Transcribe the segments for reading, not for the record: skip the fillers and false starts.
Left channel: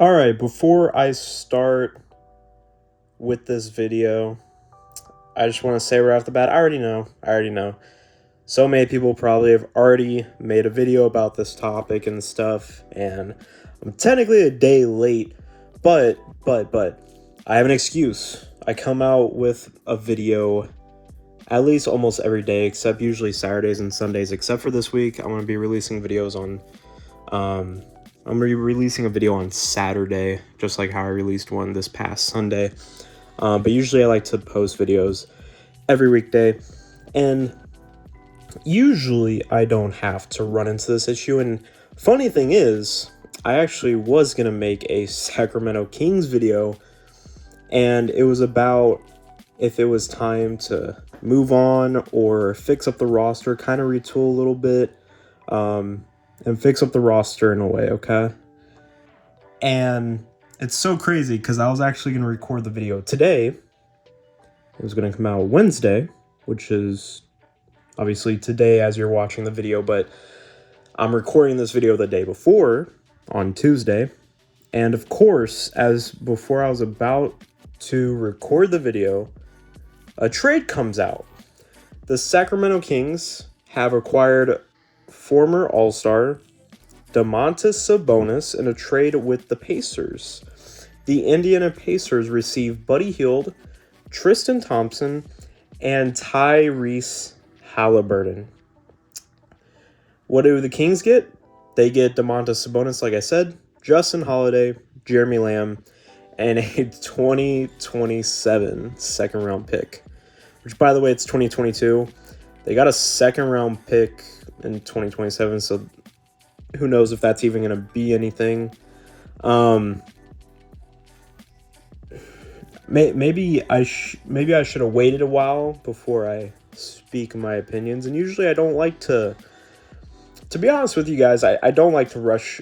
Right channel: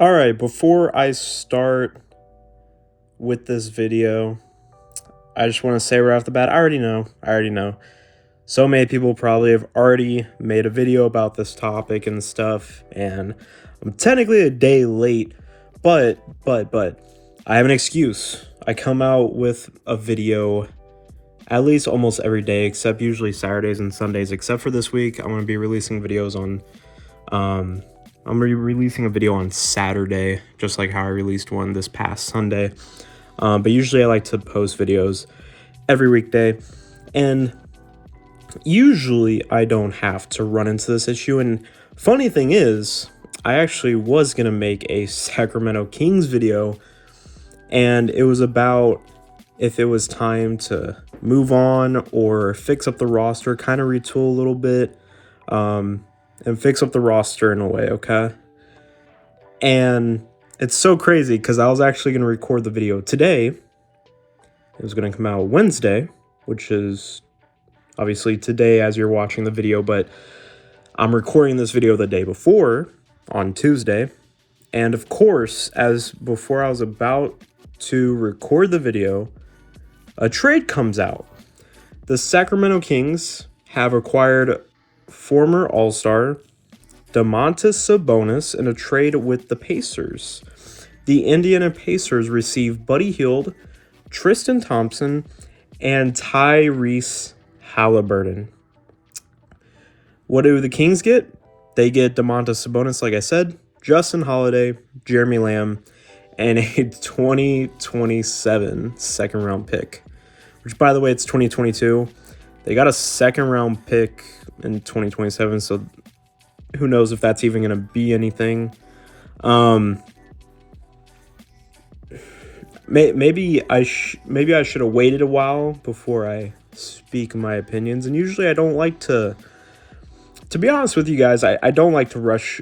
All right, before I start with this video, I just want to say right off the bat, I already know. So many people probably have already made a video about this topic and stuff, and I'm technically a day late, but, I have an excuse. I come out with a video at least almost every day, except usually Saturdays and Sundays, except for this week. I'm going to be releasing videos on, I'm releasing a video on Saturday, just like how I released one this past Sunday. But usually I like to post videos every weekday, and usually I don't have to run into this issue. And funny thing is, I actually was gonna make a Sacramento Kings video, and it was about if it was time to move on or fix up the roster, kind of retool a little bit, and fix up the roster in a way, okay? And it's so crazy because I was actually going to record the video today. It was going to come out Wednesday, which is obviously today as you're watching the video, but I'm recording this video the day before on Tuesday. And of course, as before I was about to record the video, a trade comes out. The Sacramento Kings have acquired former All-Star Domantas Sabonis in a trade with the Pacers. The Indiana Pacers received Buddy Hield, Tristan Thompson, and Tyrese Haliburton. What do the Kings get? They get Domantas Sabonis, like I said, Justin Holiday, Jeremy Lamb, and a 2027 second-round pick. Which, by the way, it's 2022. They got a second-round pick in 2027, so who knows if that's even going to be anything. Maybe I should have waited a while before I speak my opinions. And usually I don't like to be honest with you guys, I don't like to rush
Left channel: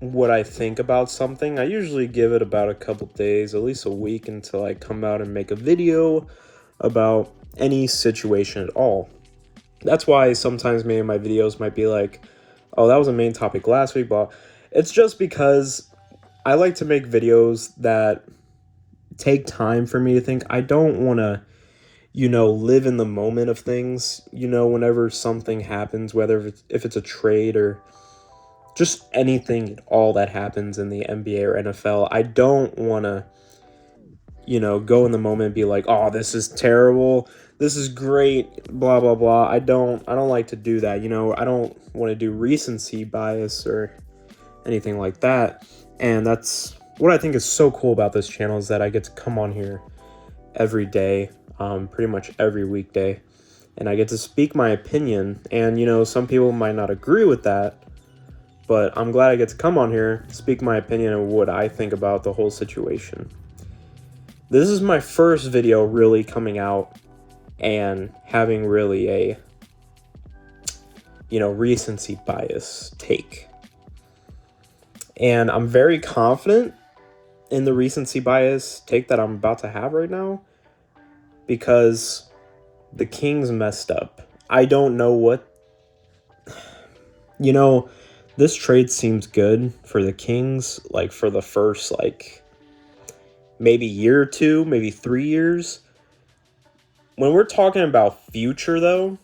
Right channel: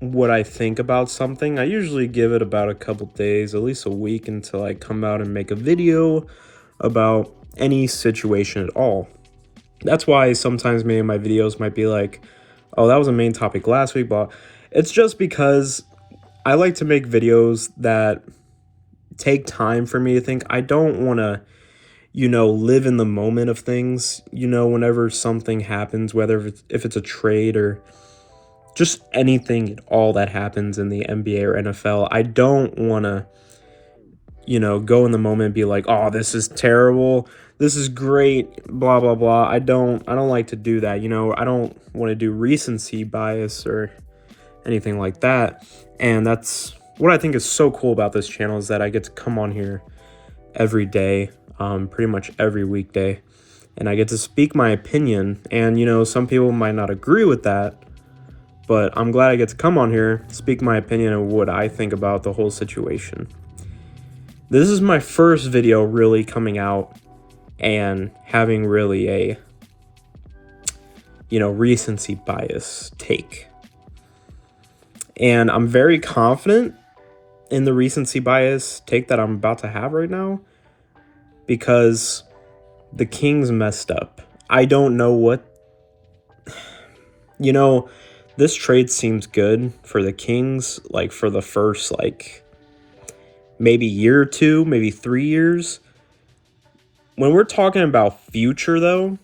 what I think about something. I usually give it about a couple days, at least a week, until I come out and make a video about any situation at all. That's why sometimes maybe my videos might be like, oh, that was a main topic last week, but it's just because I like to make videos that take time for me to think. I don't want to, live in the moment of things, whenever something happens, whether if it's a trade or just anything at all that happens in the NBA or NFL. I don't want to, go in the moment and be like, oh, this is terrible, this is great, blah, blah, blah. I don't like to do that. I don't want to do recency bias or anything like that. And that's what I think is so cool about this channel, is that I get to come on here every day, pretty much every weekday, and I get to speak my opinion. And, some people might not agree with that, but I'm glad I get to come on here, speak my opinion of what I think about the whole situation. This is my first video really coming out and having really a, recency bias take. And I'm very confident in the recency bias take that I'm about to have right now, because the Kings messed up. I don't know what... this trade seems good for the Kings, like for the first, maybe year or two, maybe 3 years. When we're talking about future, though,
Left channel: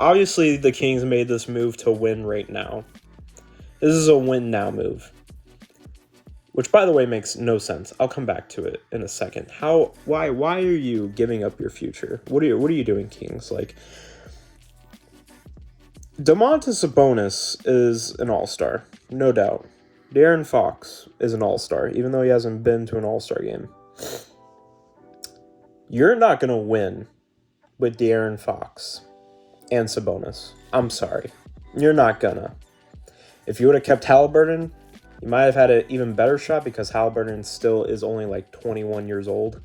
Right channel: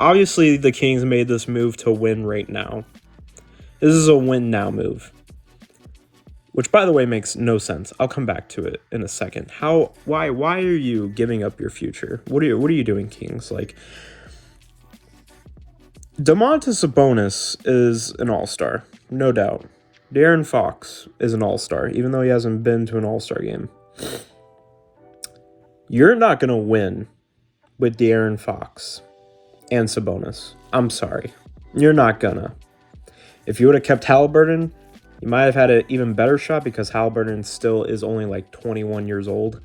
obviously the Kings made this move to win right now. This is a win now move, which, by the way, makes no sense. I'll come back to it in a second. Why are you giving up your future? What are you doing, Kings? Domantas Sabonis is an all-star, no doubt. De'Aaron Fox is an all-star, even though he hasn't been to an all-star game. You're not going to win with De'Aaron Fox and Sabonis. I'm sorry. You're not gonna. If you would have kept Haliburton, you might have had an even better shot, because Haliburton still is only 21 years old.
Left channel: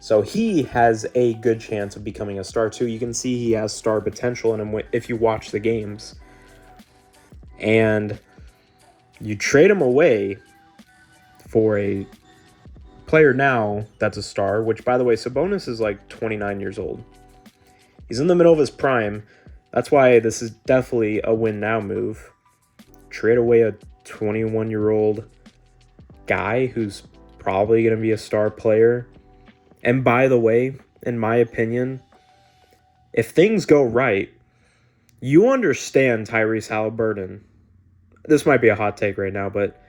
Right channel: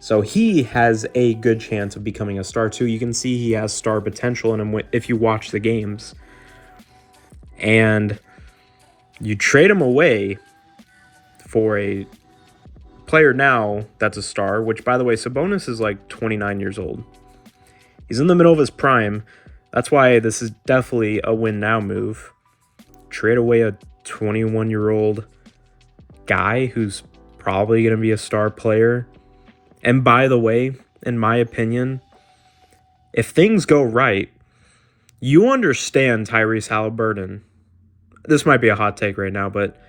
So he has a good chance of becoming a star too. You can see he has star potential in him if you watch the games. And you trade him away for a player now that's a star, which, by the way, Sabonis is 29 years old. He's in the middle of his prime. That's why this is definitely a win now move. Trade away a 21-year-old guy who's probably going to be a star player. And by the way, in my opinion, if things go right, you understand Tyrese Haliburton. This might be a hot take right now, but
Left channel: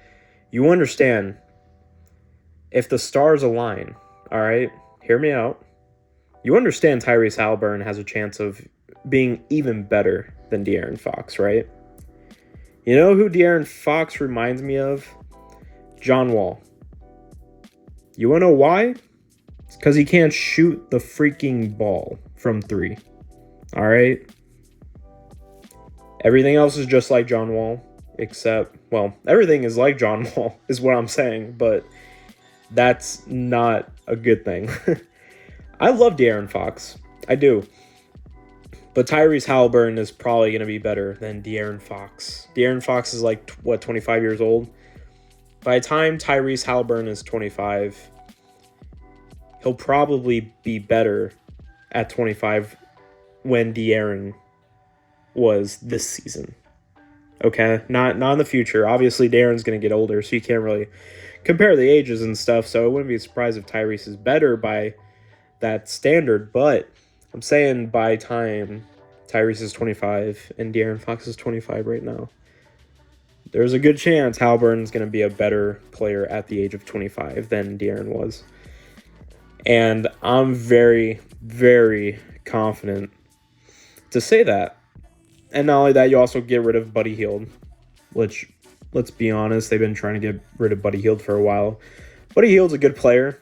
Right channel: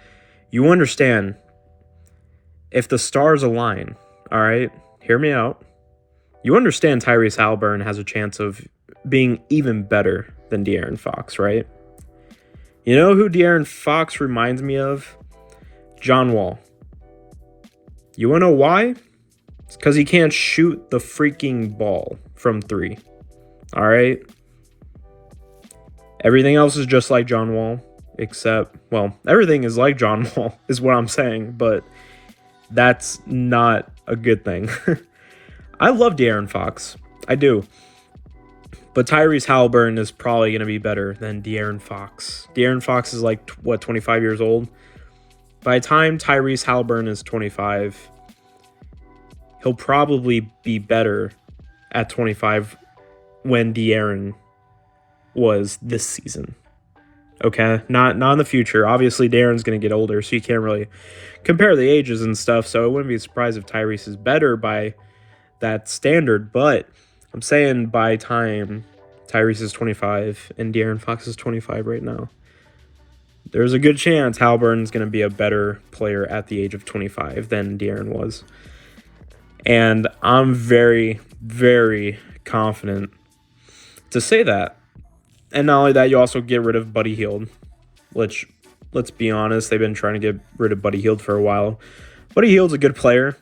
you understand if the stars align, all right? Hear me out. You understand Tyrese Haliburton has a chance of being even better than De'Aaron Fox, right? You know who De'Aaron Fox reminds me of? John Wall. You want to know why? It's because he can't shoot the freaking ball from 3. All right? Everything else is just like John Wall, except, well, everything is like John Wall is what I'm saying, but that's not a good thing. I love De'Aaron Fox. I do. But Tyrese Haliburton is probably going to be better than De'Aaron Fox. De'Aaron Fox is 25 years old? By the time Tyrese Haliburton is 25, he'll probably be better at 25 when De'Aaron was this season. Okay? Not in the future. Obviously, De'Aaron's going to get older, so you can't really compare the ages and stuff, so I wouldn't be surprised if Tyrese is better by that standard, but I'm saying by time Tyrese is 25 and De'Aaron Fox is 25 right now, there's a good chance Haliburton's going to be a better player at the age of 25 than De'Aaron was. And I'm very, very confident to say that. And not only that, you also get rid of Buddy Hield, which, let's be honest, they've been trying to get rid of Buddy Hield for a while. Buddy Hield's a good player.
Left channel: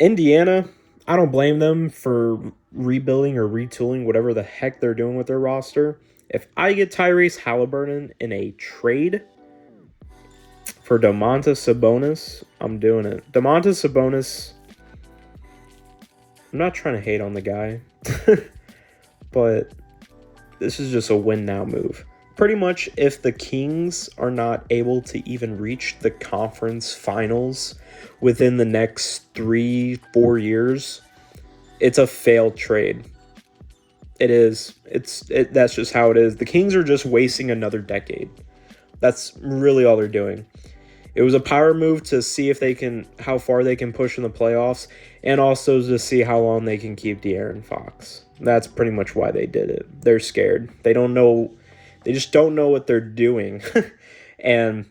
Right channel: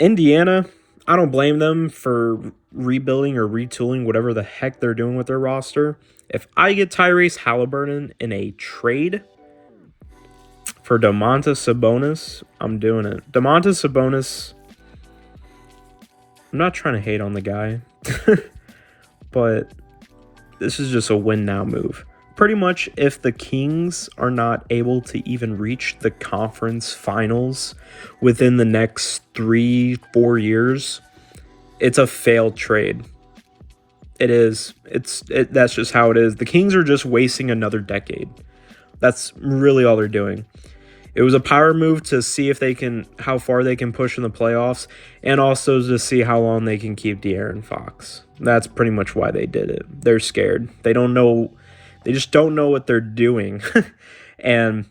Indiana, I don't blame them for rebuilding or retooling whatever the heck they're doing with their roster. If I get Tyrese Haliburton in a trade for Domantas Sabonis, I'm doing it. Domantas Sabonis, I'm not trying to hate on the guy, but this is just a win now move. Pretty much, if the Kings are not able to even reach the conference finals within the next 3-4 years, it's a failed trade. It is. That's just how it is. The Kings are just wasting another decade. That's really all they're doing. It was a power move to see if how far they can push in the playoffs, and also to see how long they can keep De'Aaron Fox. That's pretty much why they did it. They're scared. They just don't know what they're doing. And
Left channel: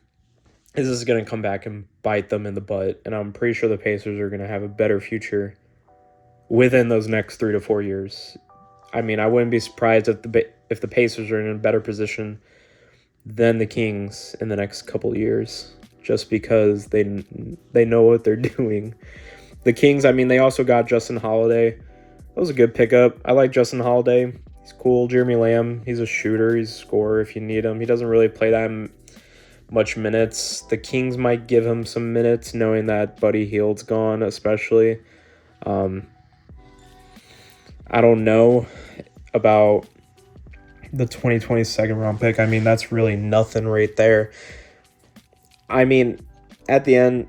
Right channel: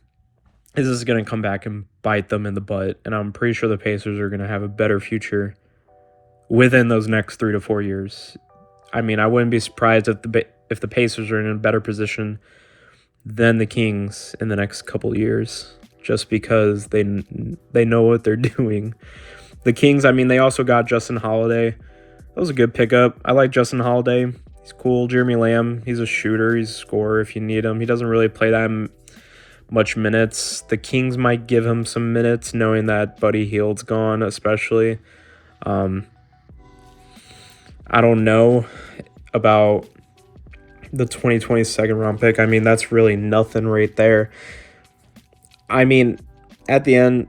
this is going to come back and bite them in the butt. And I'm pretty sure the Pacers are going to have a better future within those next 3 to 4 years. I mean, I wouldn't be surprised if the Pacers are in a better position than the Kings in the next couple years, just because they know what they're doing. The Kings, I mean, they also got Justin Holiday. That was a good pickup. I like Justin Holiday. He's cool. Jeremy Lamb, he's a shooter. He's a scorer if you need him. He doesn't really play that much minutes. The Kings might give him some minutes, knowing that Buddy Hield's gone, especially. I don't know about the 2020 second round pick. I mean, that's really nothing right there. I mean, at the end,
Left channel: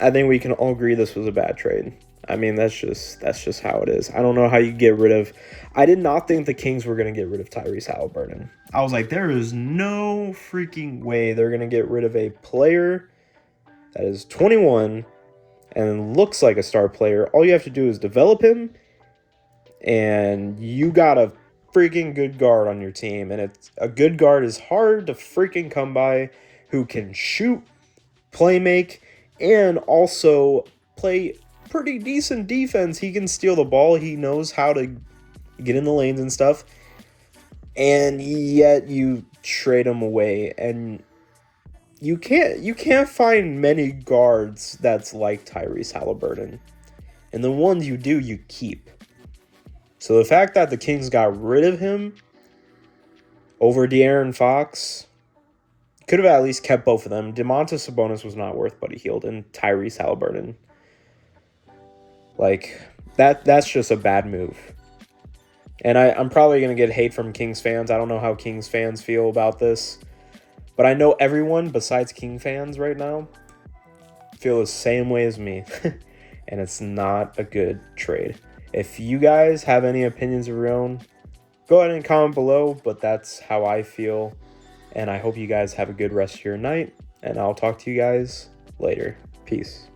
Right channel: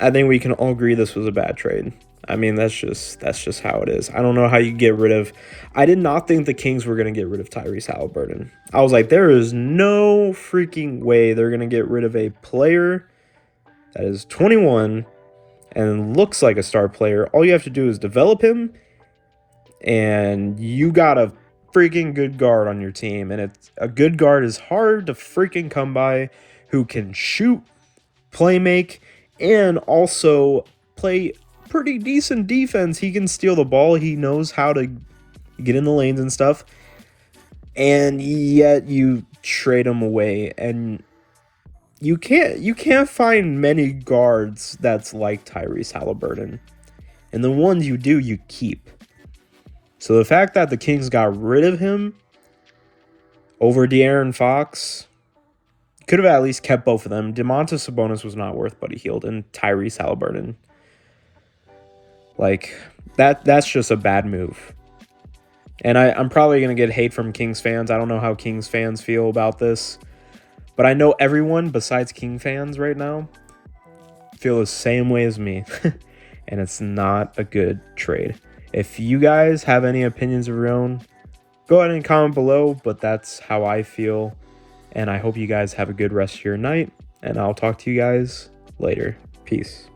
I think we can all agree this was a bad trade. I mean, that's just how it is. I don't know how you get rid of... I did not think the Kings were going to get rid of Tyrese Haliburton. I was like, there is no freaking way they're going to get rid of a player that is 21 and looks like a star player. All you have to do is develop him, and you got a freaking good guard on your team. And a good guard is hard to freaking come by, who can shoot, play make, and also play pretty decent defense. He can steal the ball. He knows how to get in the lanes and stuff. And yet you trade him away, and you can't find many guards that's like Tyrese Haliburton. And the ones you do, you keep. So the fact that the Kings got rid of him over De'Aaron Fox, could have at least kept both of them. Domantas Sabonis was not worth Buddy Hield, and Tyrese Haliburton. Like, that's just a bad move. And I'm probably going to get hate from Kings fans. I don't know how Kings fans feel about this. But I know everyone besides King fans right now feel the same way as me. And it's not a good trade. If you guys have any opinions of your own, go ahead and comment below. But that's how I feel. And I hope you guys have a good rest of your night, and I'll talk to you guys later. Peace.